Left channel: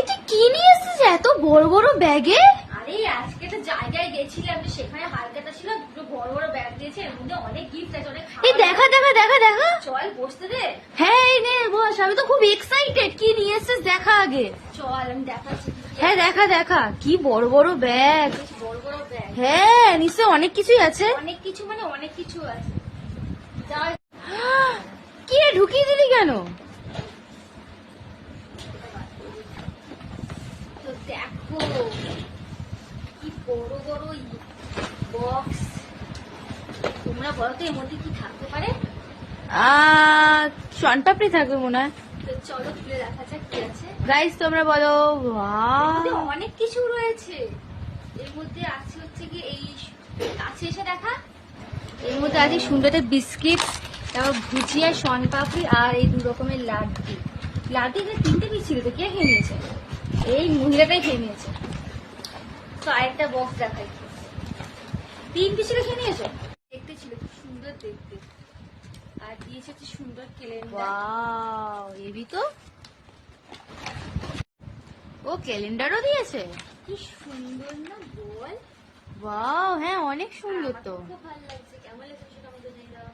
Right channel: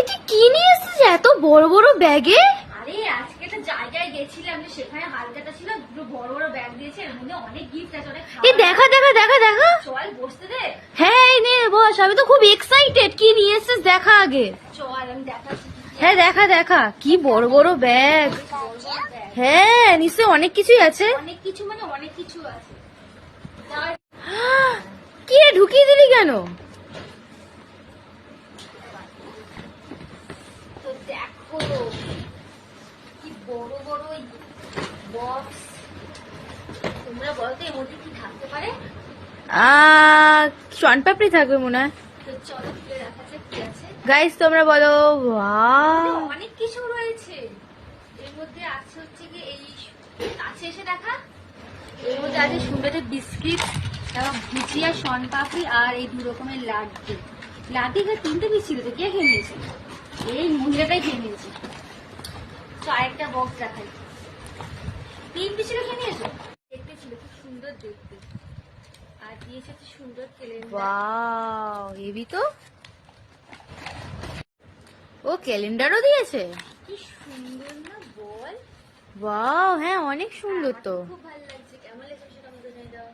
এটা কি নিয়ে এসেছিস এত বড় বড় ব্যাগে? আরে আজকে একটা জায়গায় গেছিলাম, যে সেখানে হালকাটা ছিল, দুটো বড় বড় ব্যাগ দিয়েছে, এর মধ্যে অনেক গিফট আছে, অনেক এই দেখা দেখা দেখা দেখা। চল বসতে দে। হ্যাঁ এই নিয়ে বস, আমি তো খুব এক্সাইটেড। কি নিয়ে এসেছিস দেখা আগে। চল আমি দেখাচ্ছি। হ্যাঁ দেখা দেখা, কি বড় বড় ব্যাগ। বড় বড় ব্যাগ, হ্যাঁ নিশ্চয় অনেক কিছুই আছে। অনেক কিছু, মানে অনেক কিছু আছে। কি রে, ঢুকিয়ে দিলি কেন? তো দেখো কি বড় বড় বক্স। তোমরা বলো তো এর মধ্যে কি থাকতে পারে? শনপাপড়ি থাকবে মনে হয়। তো চলো খুলে দেখা যাক কি আছে। গাইস তোমরা বলো। অনেক কিছু রয়েছে এর মধ্যে। আছে হচ্ছে কি, এই কাছে এসে দেখা, এর মধ্যে আছে সুন্দর বিস্কিট, তারপর ভুজিয়া, শনপাপড়ি আর এই 2 রকমের লাড্ডু। লাড্ডু যে 3টে কি ছিল, তো কে খেয়ে নিয়েছে? এই মহিলাটাই খেয়ে নিয়েছে। তো আরেকটা বক্স দেখাই, 3 পিসের খেয়ে নিয়েছো। দেখতে ছিল খুব সুন্দর দেখতে, আর দিয়েছে হচ্ছে সুন্দর ক্যালেন্ডার। ওয়াও হেভি তো। ও ক্যালেন্ডারও দিয়েছে। কি সুন্দর না বল। ওয়াও হ্যাঁ অনেক সুন্দর তো। খুব ভালো লাগছে। কেমন লেগেছে সেটা আমাদের জানিয়ে দাও।